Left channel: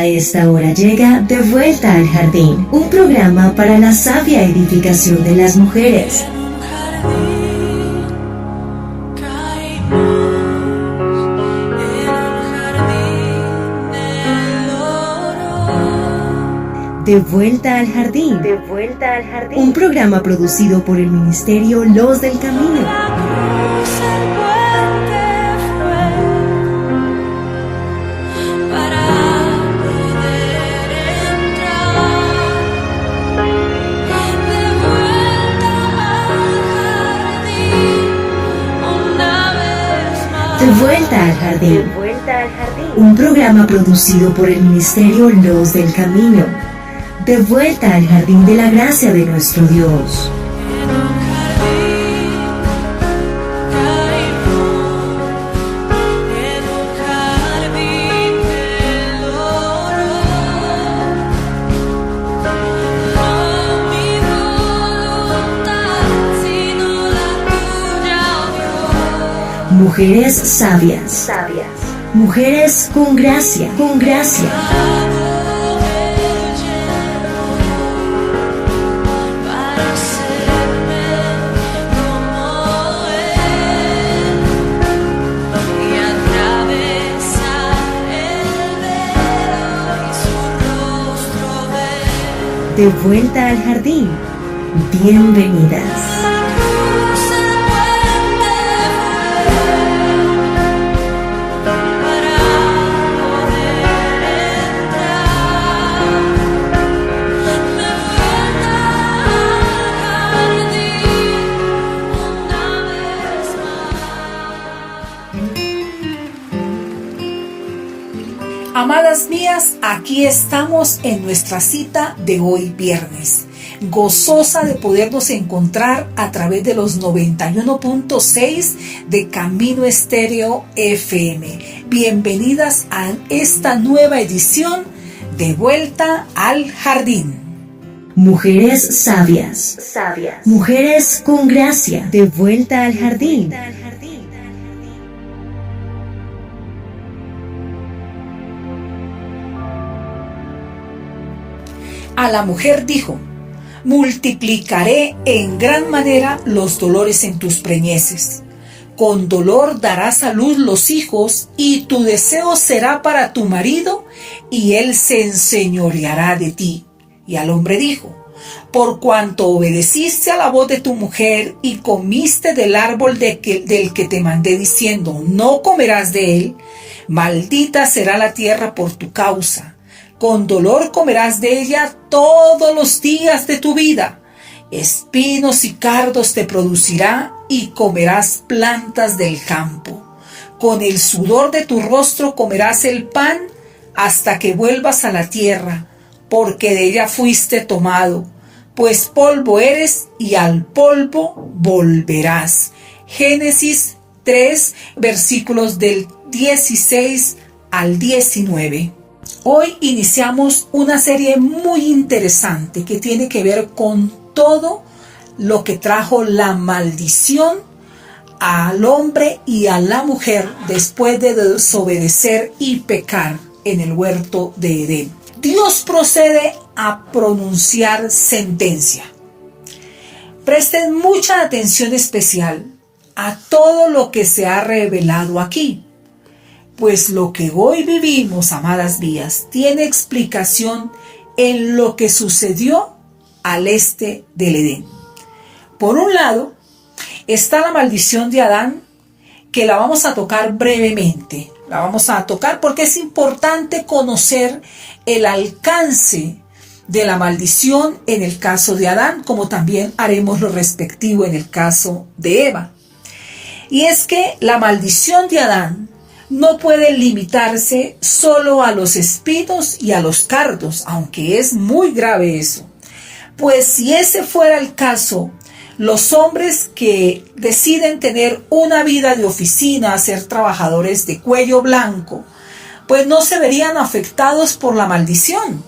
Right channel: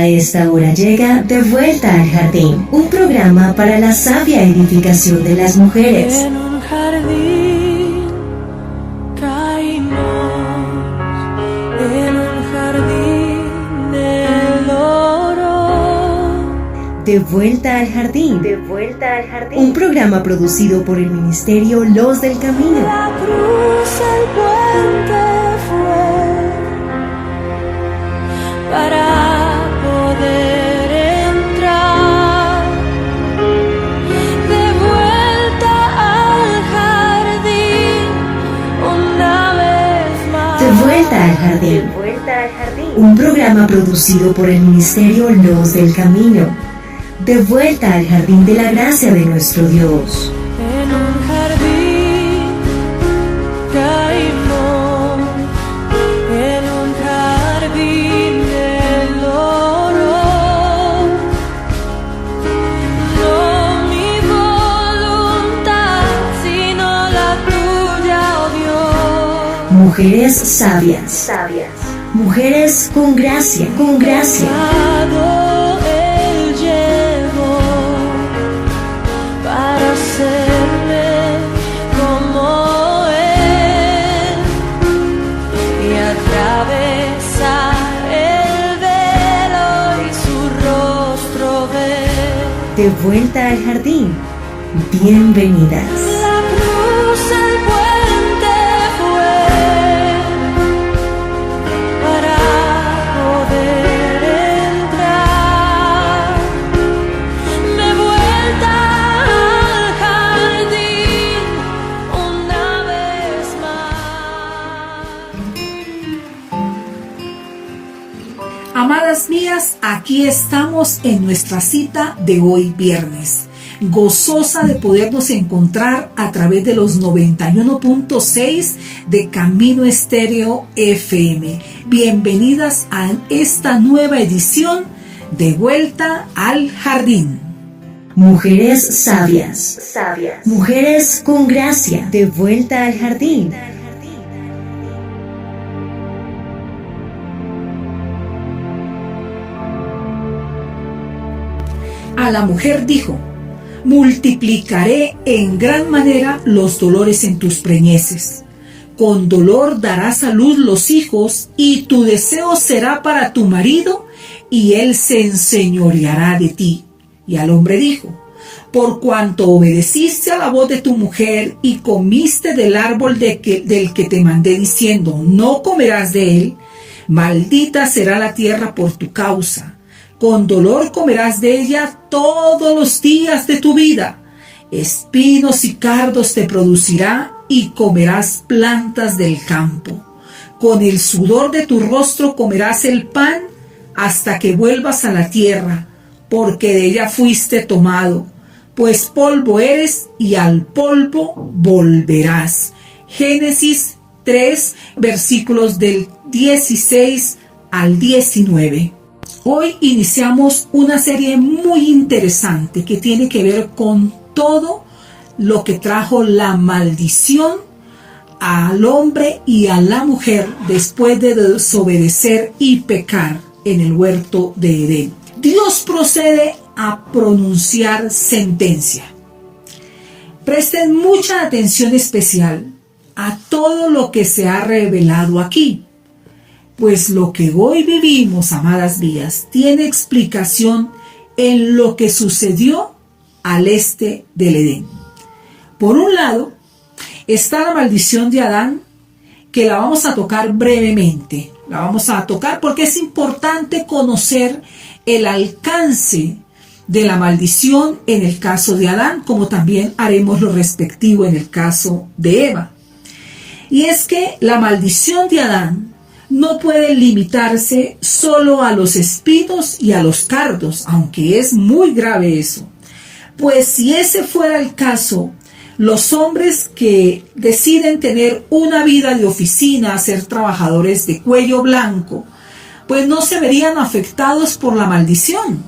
A esta hora llega De Vuelta al Jardín, un programa para la sabia edificación de las mujeres. En un jardín caímos, en un jardín el oro. De Vuelta al Jardín. De Vuelta al Jardín. Un programa producido por el Ministerio Los del Camino. La cruz, el puente fue para poder entrar de vuelta al jardín una vez más. De Vuelta al Jardín. De Vuelta al Jardín. Un programa producido por el Ministerio Los del Camino. De vuelta al jardín de la gracia de nuestro Dios. En un jardín caímos, en un jardín del oro. No mi voluntad, sino la tuya, oh Dios. Mujeres sabias. Sabias. Mujeres con gracia. Con gracia. Él llegó para hacerme como Él y atravesar el velo y su rostro ver. De vuelta al jardín. Bienvenidas. La cruz, el puente fue para poder entrar de vuelta al jardín una vez más. Amadas mías, aquí estamos en nuestra cita de hoy viernes, gozosa de podernos encontrar a través de los 91.6 de Camino Estéreo FM. Bienvenidas a esta nueva edición de Vuelta al Jardín. Mujeres sabias. Sabias. Mujeres con gracia. De vuelta al jardín. A la mujer dijo: multiplicaré en gran manera los dolores en tus preñeces. Con dolor darás a luz los hijos, y tu deseo será para tu marido, y él se enseñoreará de ti. Y al hombre dijo: por cuanto obedeciste a la voz de tu mujer, y comiste del árbol del que te mandé diciendo, no comerás de él, maldita será la tierra por tu causa. Con dolor comerás de ella todos los días de tu vida. Espinos y cardos te producirá, y comerás plantas del campo. Con el sudor de tu rostro comerás el pan hasta que vuelvas a la tierra, porque de ella fuiste tomado, pues polvo eres y al polvo volverás. Génesis 3, versículos del 16 al 19. Hoy iniciamos una serie muy interesante que tiene que ver con todo lo que trajo la maldición al hombre y a la mujer después de desobedecer y pecar en el huerto de Edén. Dios procede a pronunciar sentencia. Presten mucha atención especial a todo lo que se ha revelado aquí. Pues lo que hoy vivimos, amadas mías, tiene explicación en lo que sucedió al este del Edén. Por un lado, está la maldición de Adán, que la vamos a tocar brevemente. La vamos a tocar porque es importante conocer el alcance de la maldición en el caso de Adán, como también haremos lo respectivo en el caso de Eva. Y es que la maldición de Adán no puede limitarse solo a los espinos y a los cardos, aunque es muy grave eso. Pues si ese fuera el caso, los hombres que deciden tener una vida de oficina, ser trabajadores de cuello blanco, pues no se verían afectados por la maldición.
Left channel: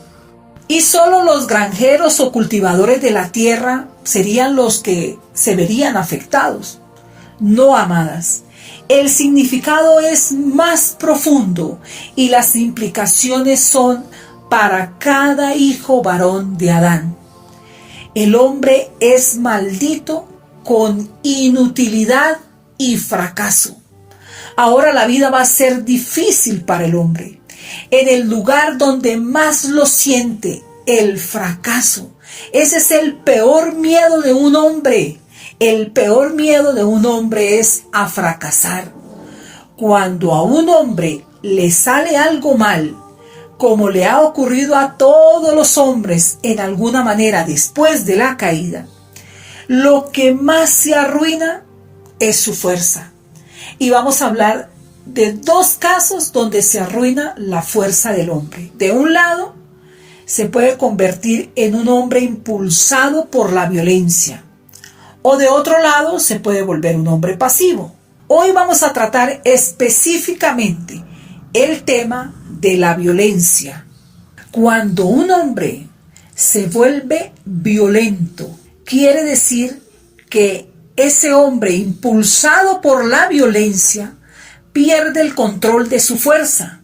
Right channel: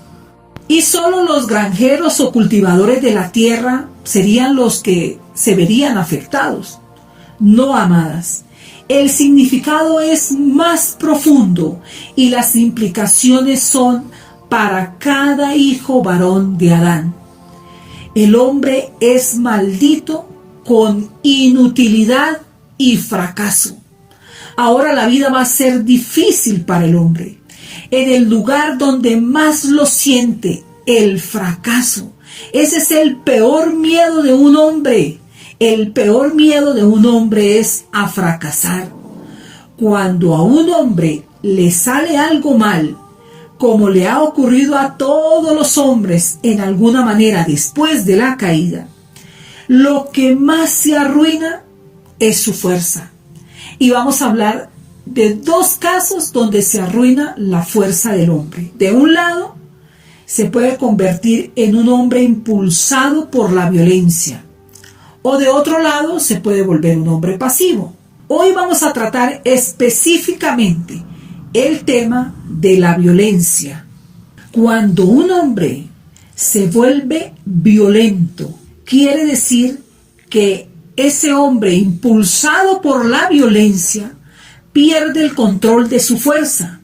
Y solo los granjeros o cultivadores de la tierra serían los que se verían afectados. no amadas. El significado es más profundo y las implicaciones son para cada hijo varón de Adán. El hombre es maldito con inutilidad y fracaso. Ahora la vida va a ser difícil para el hombre. En el lugar donde más lo siente, el fracaso. Ese es el peor miedo de un hombre. El peor miedo de un hombre es a fracasar. Cuando a un hombre le sale algo mal, como le ha ocurrido a todos los hombres en alguna manera después de la caída, lo que más se arruina es su fuerza. Y vamos a hablar de dos casos donde se arruina la fuerza del hombre. De un lado, se puede convertir en un hombre impulsado por la violencia. O de otro lado, se puede volver un hombre pasivo. Hoy vamos a tratar específicamente el tema de la violencia. Cuando un hombre se vuelve violento, quiere decir que ese hombre impulsado por la violencia pierde el control de su fuerza.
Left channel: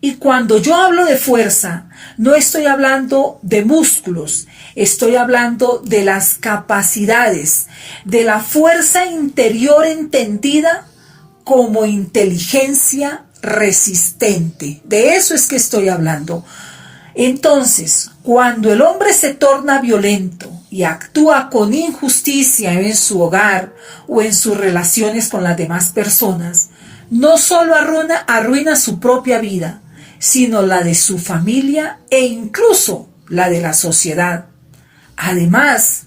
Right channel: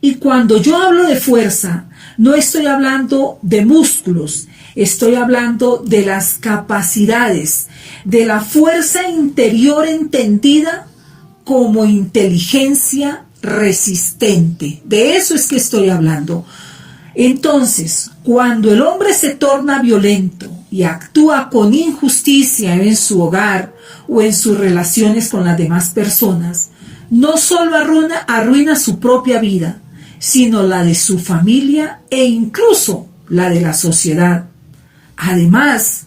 Y cuando yo hablo de fuerza, no estoy hablando de músculos, estoy hablando de las capacidades, de la fuerza interior entendida como inteligencia resistente. De eso es que estoy hablando. Entonces, cuando el hombre se torna violento y actúa con injusticia en su hogar o en sus relaciones con las demás personas, no solo arruina su propia vida, sino la de su familia e incluso la de la sociedad. Además,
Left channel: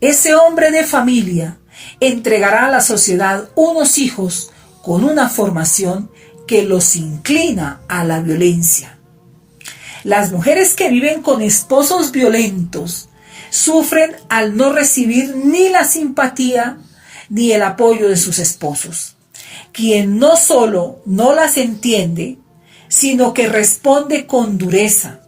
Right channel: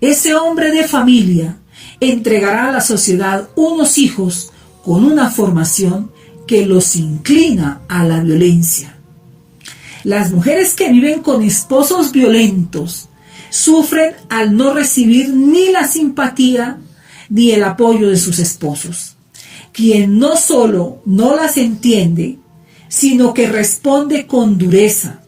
ese hombre de familia entregará a la sociedad unos hijos con una formación que los inclina a la violencia. Las mujeres que viven con esposos violentos sufren al no recibir ni la simpatía ni el apoyo de sus esposos, quien no solo no las entiende, sino que responde con dureza,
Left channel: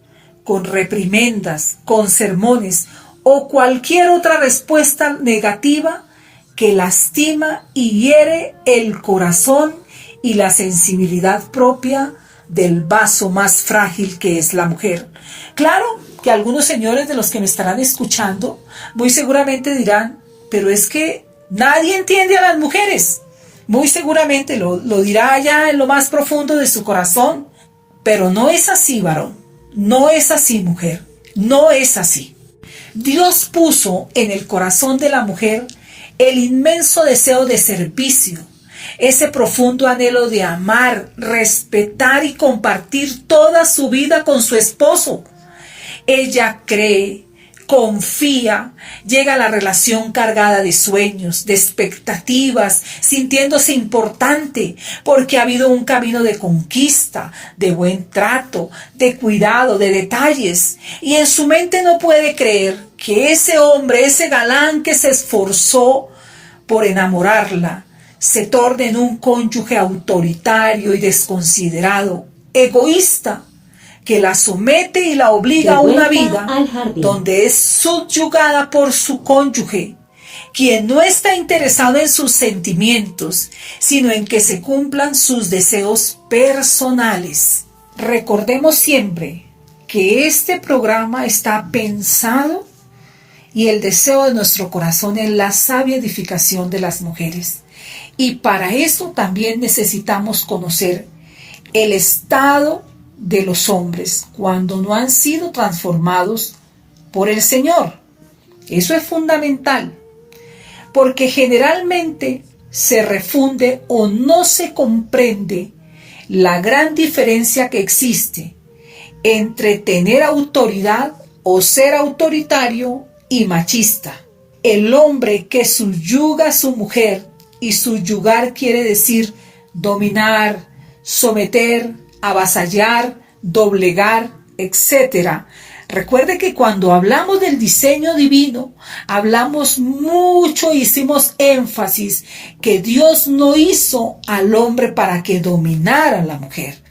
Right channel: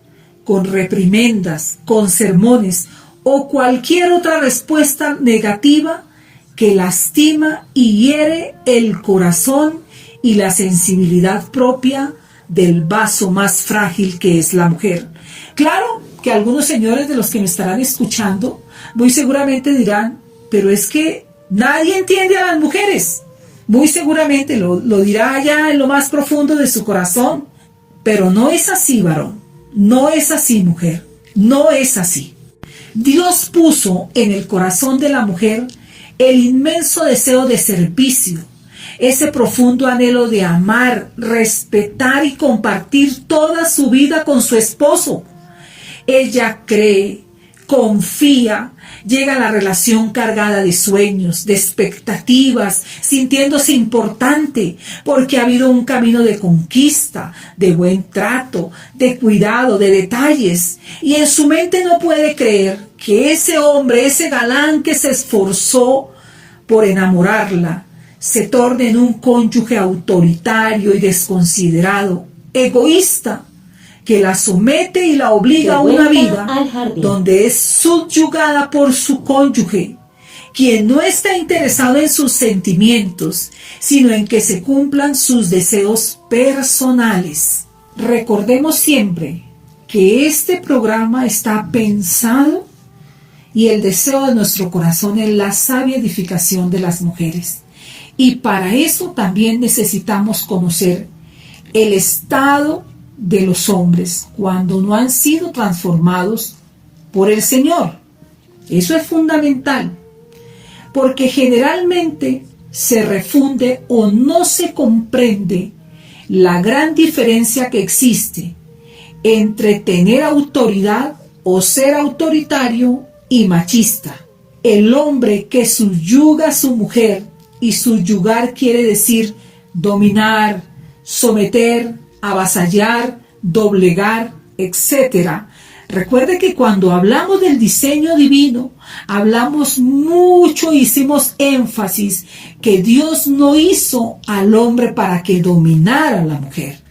con reprimendas, con sermones o cualquier otra respuesta negativa que lastima y hiere el corazón y la sensibilidad propia del vaso más frágil que es la mujer. Claro que algunos señores de los que me estarán escuchando muy seguramente dirán, pero es que nadie entiende a las mujeres. Muy seguramente lo dirá allá en lo más profundo de su corazón, pero no es así, varón. No es así, mujer. No es así. Dios puso en el corazón de la mujer el inmenso deseo de servicio, ese profundo anhelo de amar, respetar y compartir toda su vida con su esposo. Ella cree, confía, llega a la relación cargada de sueños, de expectativas, sintiéndose importante, porque ha habido un camino de conquista, de buen trato, de cuidado, de detalles, y en su mente no puede creer que ese hombre, ese galán que se esforzó por enamorarla, se torne en un cónyuge autoritario y desconsiderado, egoísta, que la somete y la obliga a una vida donde es subyugada por su cónyuge, quien no está interesado en sus sentimientos, sino en que se cumplan sus deseos personales. Recordemos siempre que este programa está pensado y el deseo de nuestro corazón es la sabia edificación de las mujeres. Y para eso también necesitamos conocer el estado de los hombres cuando no han sido transformados por el Señor. Eso es fundamental, porque generalmente se refunde o no se comprende la gran diferencia que existe entre tener autoridad o ser autoritario y machista. El hombre que subyuga a su mujer, y subyugar quiere decir dominar, someter, avasallar, doblegar, etc. Recuerde que cuando hablamos del diseño divino, hablamos mucho, hicimos énfasis que Dios no hizo al hombre para que dominara a la mujer.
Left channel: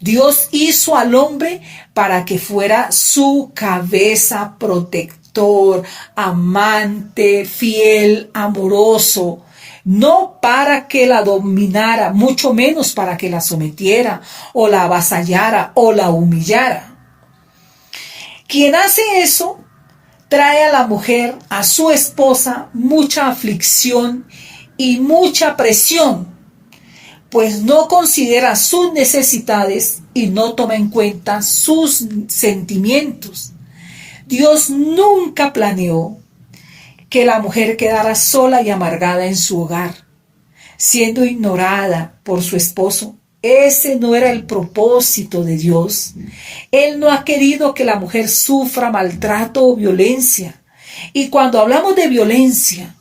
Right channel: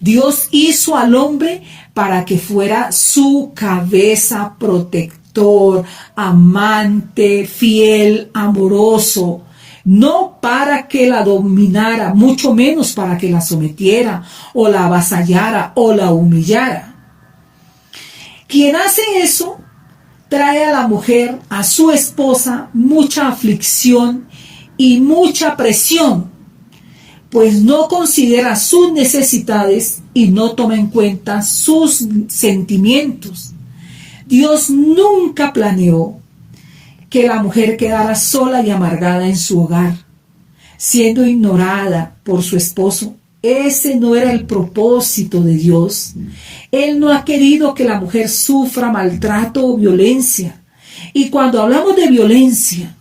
Dios hizo al hombre para que fuera su cabeza, protector, amante, fiel, amoroso. no para que la dominara, mucho menos para que la sometiera o la avasallara o la humillara. Quien hace eso trae a la mujer, a su esposa, mucha aflicción y mucha presión, pues no considera sus necesidades y no toma en cuenta sus sentimientos. Dios nunca planeó que la mujer quedara sola y amargada en su hogar, siendo ignorada por su esposo. Ese no era el propósito de Dios. Él no ha querido que la mujer sufra maltrato o violencia. Y cuando hablamos de violencia,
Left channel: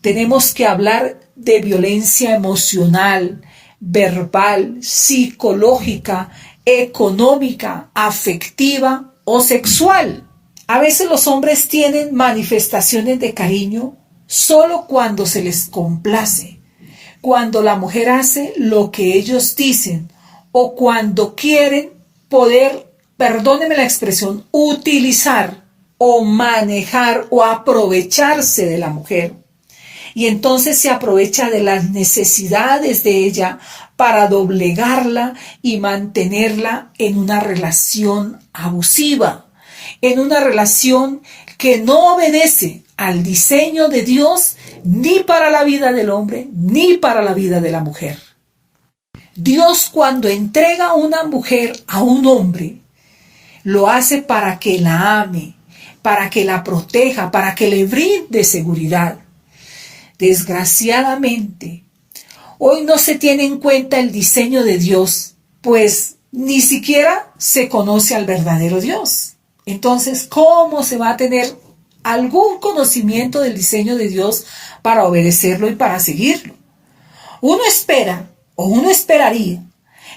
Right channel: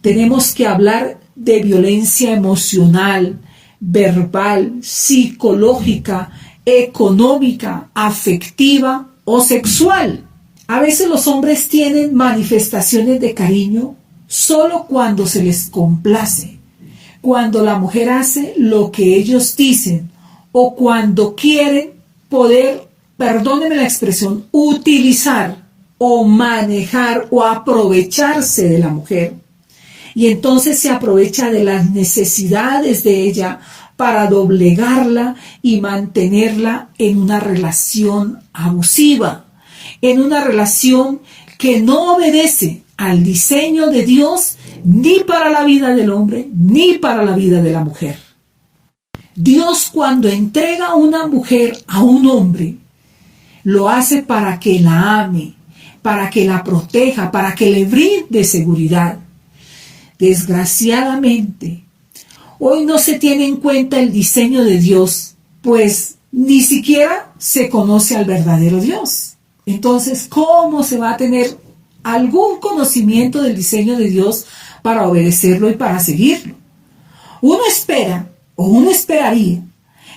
tenemos que hablar de violencia emocional, verbal, psicológica, económica, afectiva o sexual. A veces los hombres tienen manifestaciones de cariño solo cuando se les complace, cuando la mujer hace lo que ellos dicen o cuando quieren poder, perdónenme la expresión, utilizar o manejar o aprovecharse de la mujer. Y entonces se aprovecha de las necesidades de ella para doblegarla y mantenerla en una relación abusiva, en una relación que no obedece al diseño de Dios ni para la vida del hombre ni para la vida de la mujer. Dios, cuando entrega una mujer a un hombre, lo hace para que la ame, para que la proteja, para que le brinde seguridad. Desgraciadamente, hoy no se tiene en cuenta el diseño de Dios, pues ni siquiera se conoce al verdadero Dios. Entonces, ¿cómo se va a tener algún conocimiento del diseño de Dios para obedecerlo y para seguirlo? Uno espera, o uno esperaría,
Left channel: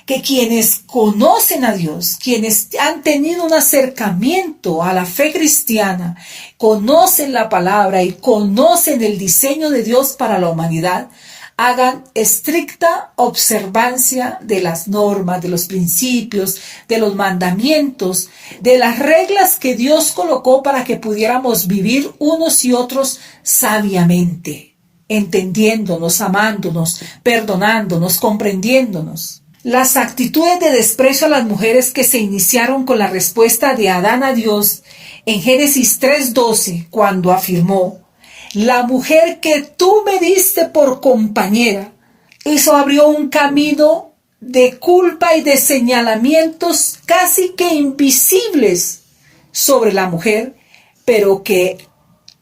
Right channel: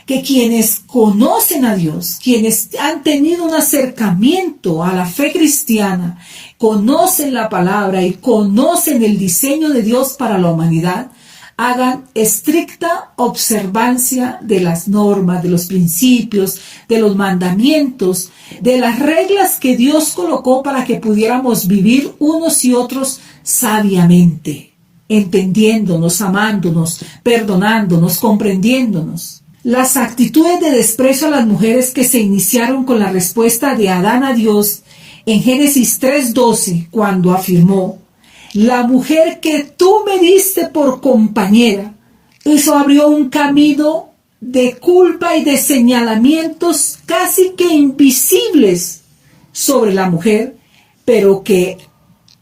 que quienes conocen a Dios, quienes han tenido un acercamiento a la fe cristiana, conocen la palabra y conocen el diseño de Dios para la humanidad, hagan estricta observancia de las normas, de los principios, de los mandamientos, de las reglas que Dios colocó para que pudiéramos vivir unos y otros sabiamente, entendiéndonos, amándonos, perdonándonos, comprendiéndonos. Las actitudes de desprecio a las mujeres que se iniciaron con la respuesta de Adán a Dios en Génesis 3:12, cuando afirmó: la mujer que tú me diste por compañera, eso abrió un camino de culpa y de señalamientos casi que invisibles sobre la mujer, pero que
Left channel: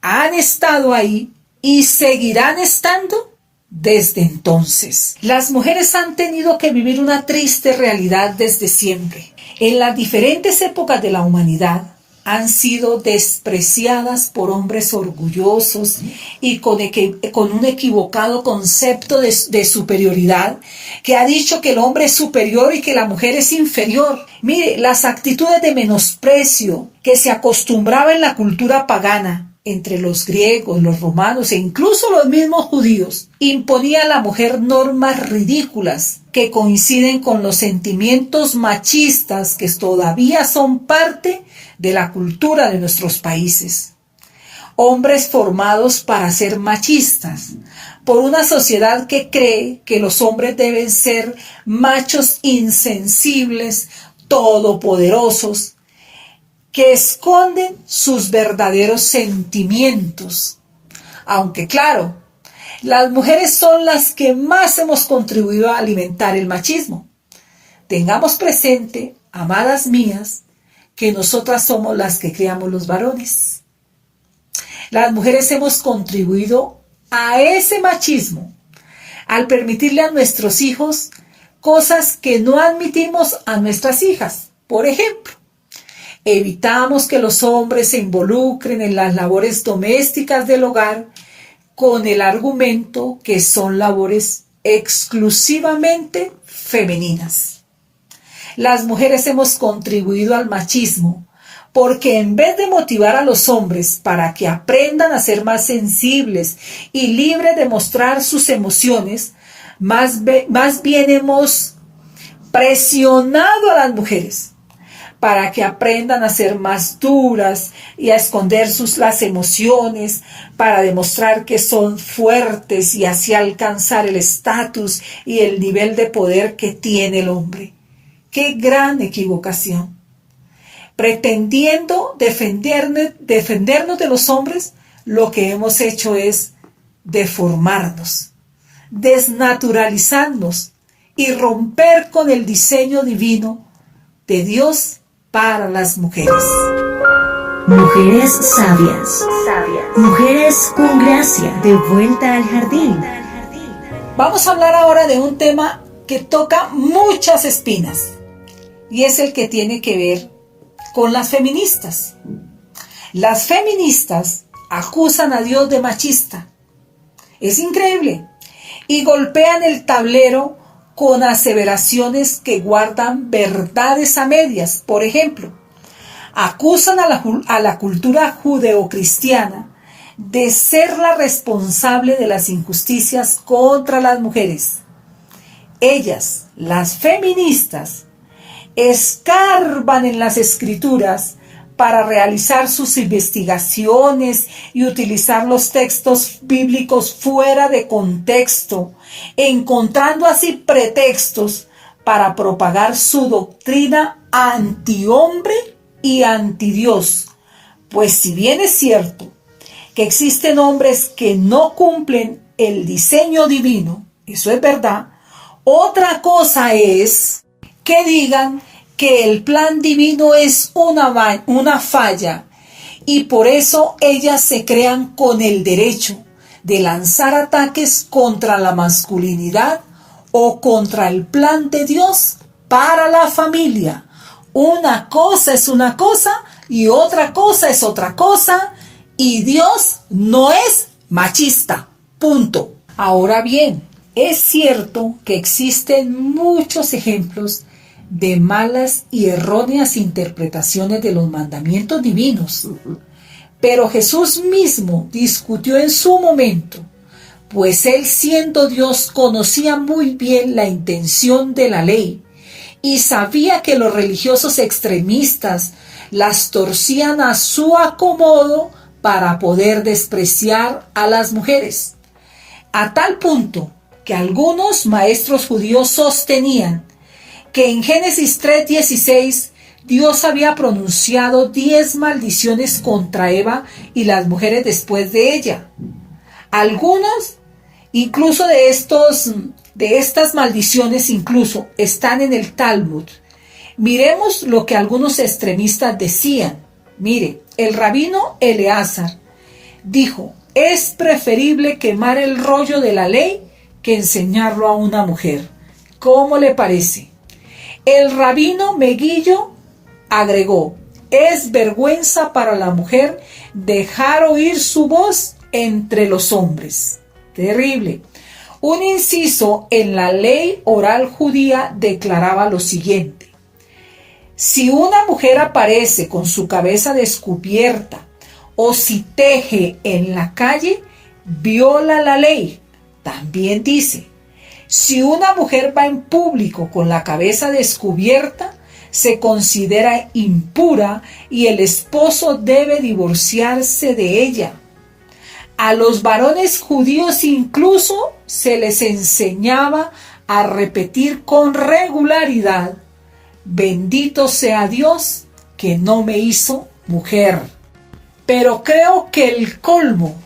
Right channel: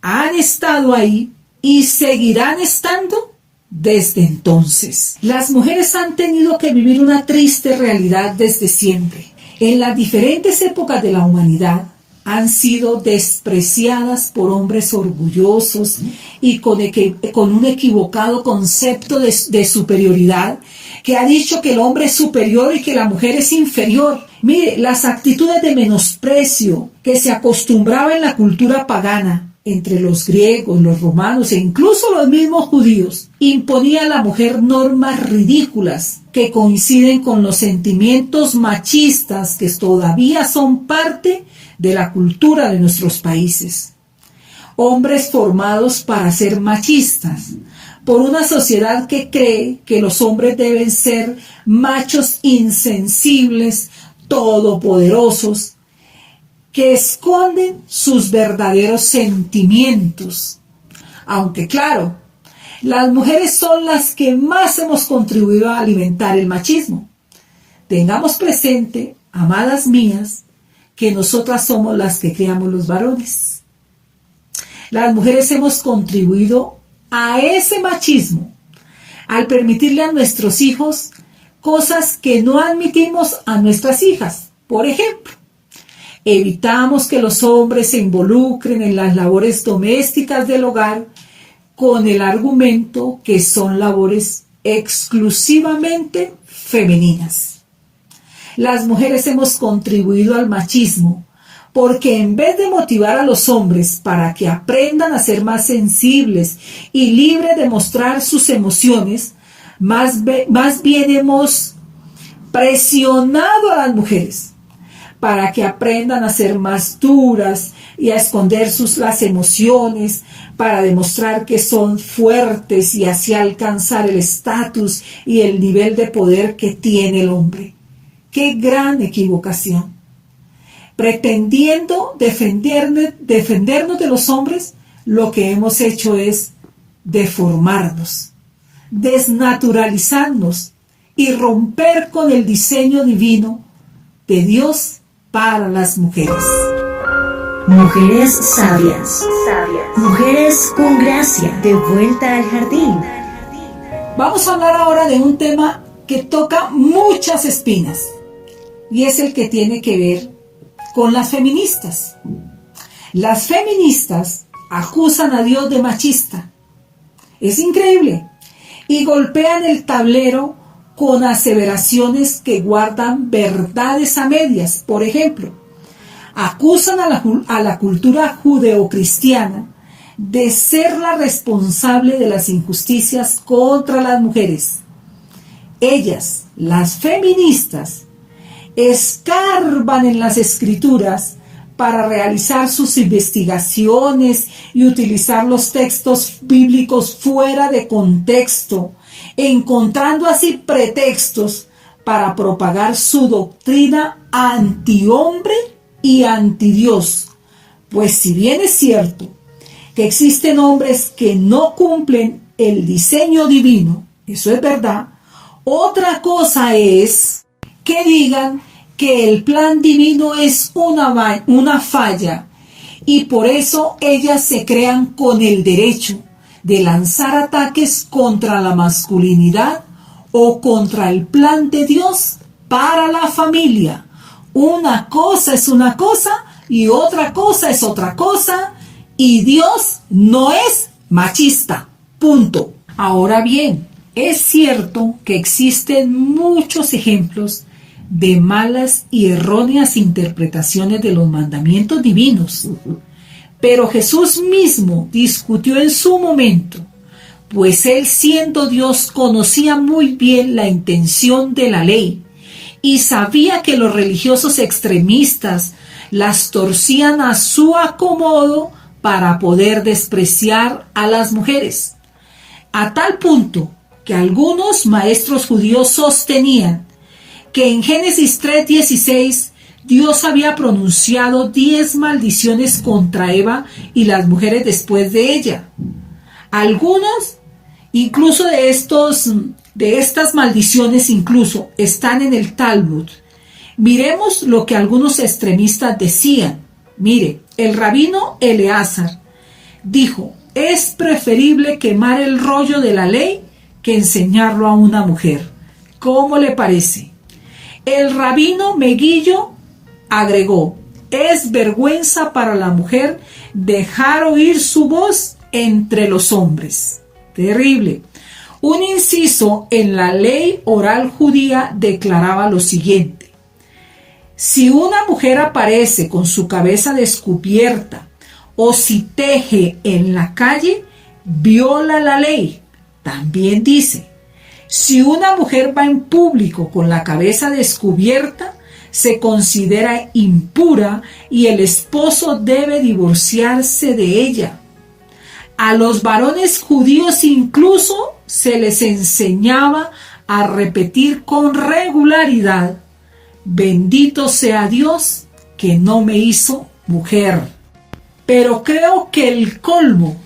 han estado ahí y seguirán estando desde entonces. Las mujeres han tenido que vivir una triste realidad desde siempre. En las diferentes épocas de la humanidad, han sido despreciadas por hombres orgullosos y con un equivocado concepto de superioridad, que ha dicho que el hombre es superior y que la mujer es inferior. Mire, las actitudes de menosprecio que se acostumbraba en la cultura pagana entre los griegos, los romanos e incluso los mismos judíos, imponía a la mujer normas ridículas que coinciden con los sentimientos machistas que todavía son parte de la cultura de nuestros países. Hombres formados para ser machistas, por una sociedad que cree que los hombres deben ser machos insensibles, todopoderosos, que esconden sus verdaderos sentimientos. Aunque claro, las mujeres son las que más hemos contribuido a alimentar el machismo. Tengamos presente, amadas mías, que nosotras somos las que criamos los varones. Las mujeres hemos contribuido a ese machismo al permitirle a nuestros hijos cosas que no admitimos a nuestras hijas. Por ejemplo, evitamos que los hombres se involucren en las labores domésticas del hogar con el argumento que son labores exclusivamente femeninas. Las mujeres hemos contribuido al machismo porque en vez de motivar a los hombres para que aprendan a ser más sensibles y libres de mostrar sus emociones, más bien hemos presionado a las mujeres para que aprendan a ser más duras y a esconder las emociones, para demostrar que son fuertes y así alcanzar el estatus y el nivel de poder que tiene el hombre. ¡Qué gran equivocación! Pretendiendo defendernos de los hombres, lo que hemos hecho es deformarnos, desnaturalizarnos y romper con el diseño divino de Dios para las mujeres. Mujeres sabias. Mujeres con gracia. De vuelta al jardín. Vamos a hablar ahora de un tema que toca muchas espinas y es el que tiene que ver con las feministas. Las feministas acusan a Dios de machista. Es increíble. Y golpean el tablero con aseveraciones que guardan verdades a medias. Por ejemplo, acusan a la cultura judeocristiana de ser la responsable de las injusticias contra las mujeres. Ellas, las feministas, escarban en las escrituras para realizar sus investigaciones y utilizar los textos bíblicos fuera de contexto, encontrando así pretextos para propagar su doctrina antihombre y antidios. Pues si bien es cierto que existen hombres que no cumplen el diseño divino, eso es verdad, otra cosa es que digan que el plan divino es una falla y por eso ellas se crean con el derecho de lanzar ataques contra la masculinidad o contra el plan de Dios para la familia. Una cosa es una cosa y otra cosa es otra cosa y Dios no es machista. Punto. Ahora bien, es cierto que existen muchos ejemplos de malas y erróneas interpretaciones de los mandamientos divinos. Pero Jesús mismo discutió en su momento, pues él siendo Dios conocía muy bien la intención de la ley y sabía que los religiosos extremistas las torcían a su acomodo para poder despreciar a las mujeres. A tal punto que algunos maestros judíos sostenían que en Génesis 3:16 Dios había pronunciado 10 maldiciones contra Eva y las mujeres después de ella. Algunos, incluso de estas maldiciones, incluso están en el Talmud. Miremos lo que algunos extremistas decían. Mire, el rabino Eleazar dijo: es preferible quemar el rollo de la ley que enseñarlo a una mujer. ¿Cómo le parece? El rabino Meguillo agregó: es vergüenza para la mujer dejar oír su voz entre los hombres. Terrible. Un inciso en la ley oral judía declaraba lo siguiente: si una mujer aparece con su cabeza descubierta o si teje en la calle, viola la ley. También dice: si una mujer va en público con la cabeza descubierta, se considera impura y el esposo debe divorciarse de ella. A los varones judíos incluso se les enseñaba a repetir con regularidad: bendito sea Dios que no me hizo mujer. Pero creo que el colmo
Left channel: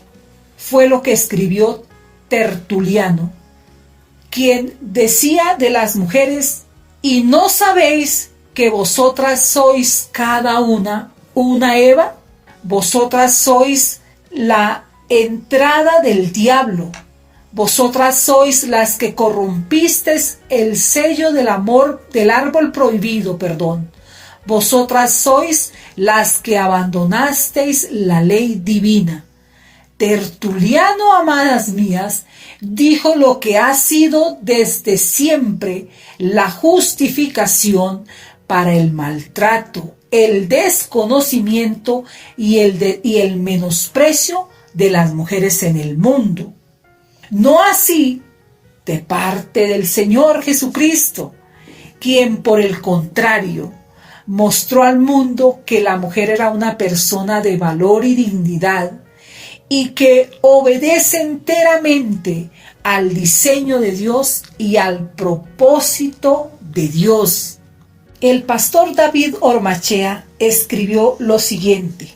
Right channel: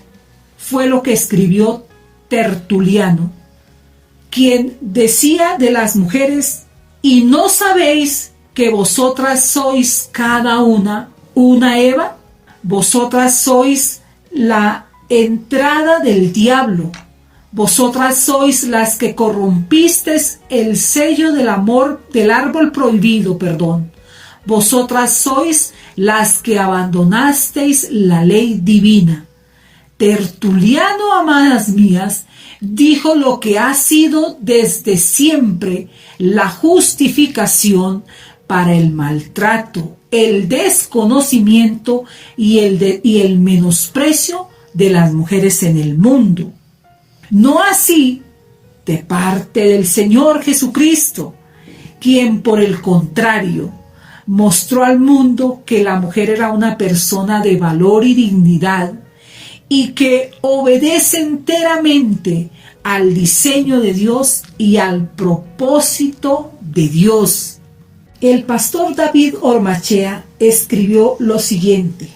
fue lo que escribió Tertuliano, quien decía de las mujeres: ¿y no sabéis que vosotras sois cada una Eva? Vosotras sois la entrada del diablo. Vosotras sois las que corrompisteis el sello del árbol prohibido, Vosotras sois las que abandonasteis la ley divina. Tertuliano, amadas mías, dijo lo que ha sido desde siempre la justificación para el maltrato, el desconocimiento y el menosprecio de las mujeres en el mundo. No así de parte del Señor Jesucristo, quien por el contrario mostró al mundo que la mujer era una persona de valor y dignidad y que obedece enteramente al diseño de Dios y al propósito de Dios. El pastor David Ormachea escribió lo siguiente:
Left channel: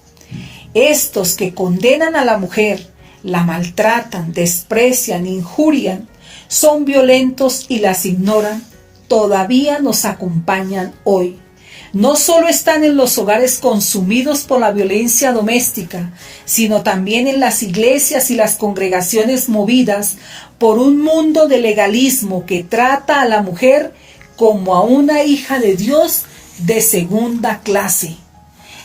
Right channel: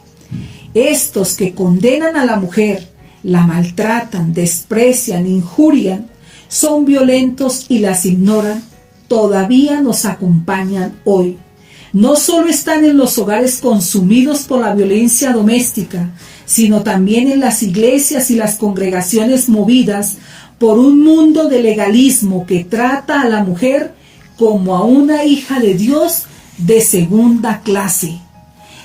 estos que condenan a la mujer, la maltratan, desprecian, injurian, son violentos y las ignoran, todavía nos acompañan hoy. No solo están en los hogares consumidos por la violencia doméstica, sino también en las iglesias y las congregaciones movidas por un mundo de legalismo que trata a la mujer como a una hija de Dios de segunda clase.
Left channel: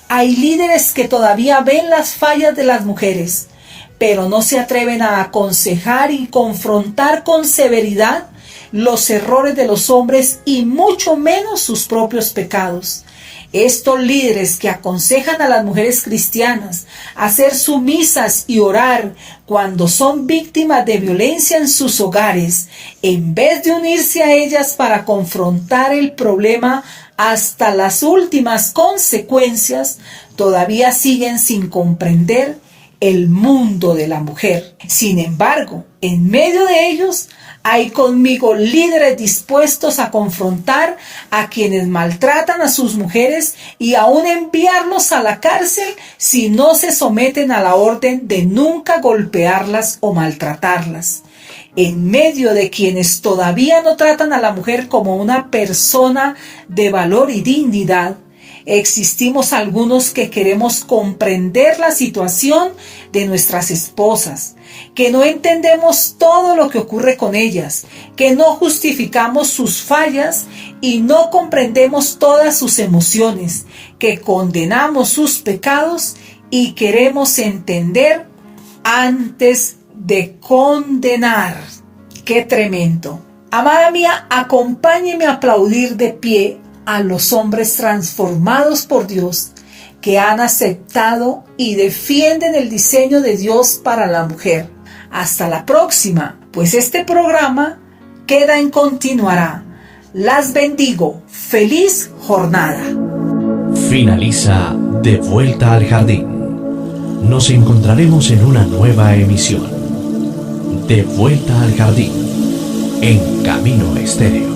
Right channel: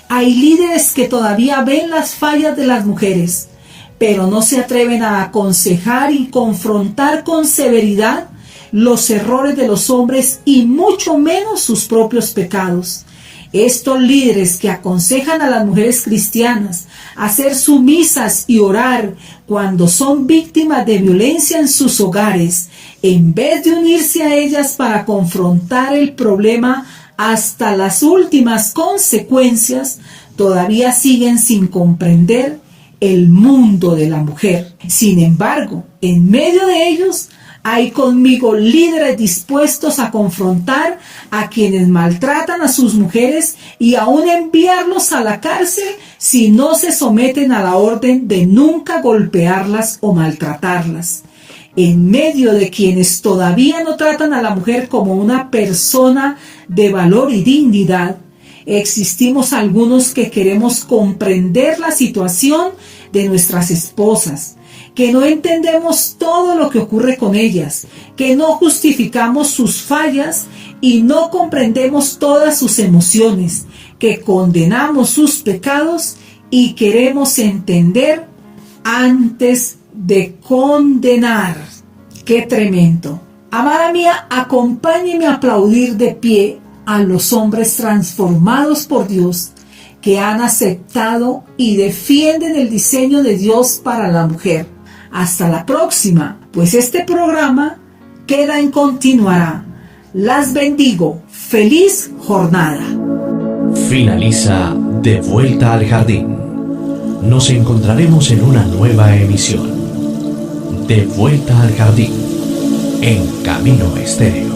Hay líderes que todavía ven las fallas de las mujeres, pero no se atreven a aconsejar y confrontar con severidad los errores de los hombres y mucho menos sus propios pecados. Estos líderes que aconsejan a las mujeres cristianas a ser sumisas y orar cuando son víctimas de violencia en sus hogares, en vez de unirse a ellas para confrontar el problema hasta las últimas consecuencias, todavía siguen sin comprender el mundo de la mujer. Sin embargo, en medio de ellos hay conmigo líderes dispuestos a confrontar a quienes maltratan a sus mujeres y aún enviarlos a la cárcel si no se someten a la orden de nunca golpearlas o maltratarlas. En medio de quienes todavía no tratan a la mujer como una persona de valor y dignidad, existimos algunos que queremos comprender la situación de nuestras esposas, que no entendemos todo lo que ocurre con ellas, que no justificamos sus fallas y no comprendemos todas sus emociones, que condenamos sus pecados y queremos entender antes de condenar. ¡Qué tremendo! Amada mía, acompáñeme a aplaudir de pie a los hombres transformados por Dios que han aceptado y defienden el diseño de Dios para la mujer. Hasta la próxima, pues este programa queda en continuará. Las bendigo. ¡Feliz jornada! Finaliza De Vuelta al Jardín. Nos encontraremos en una nueva emisión. De Vuelta al Jardín, en Camino Estéreo.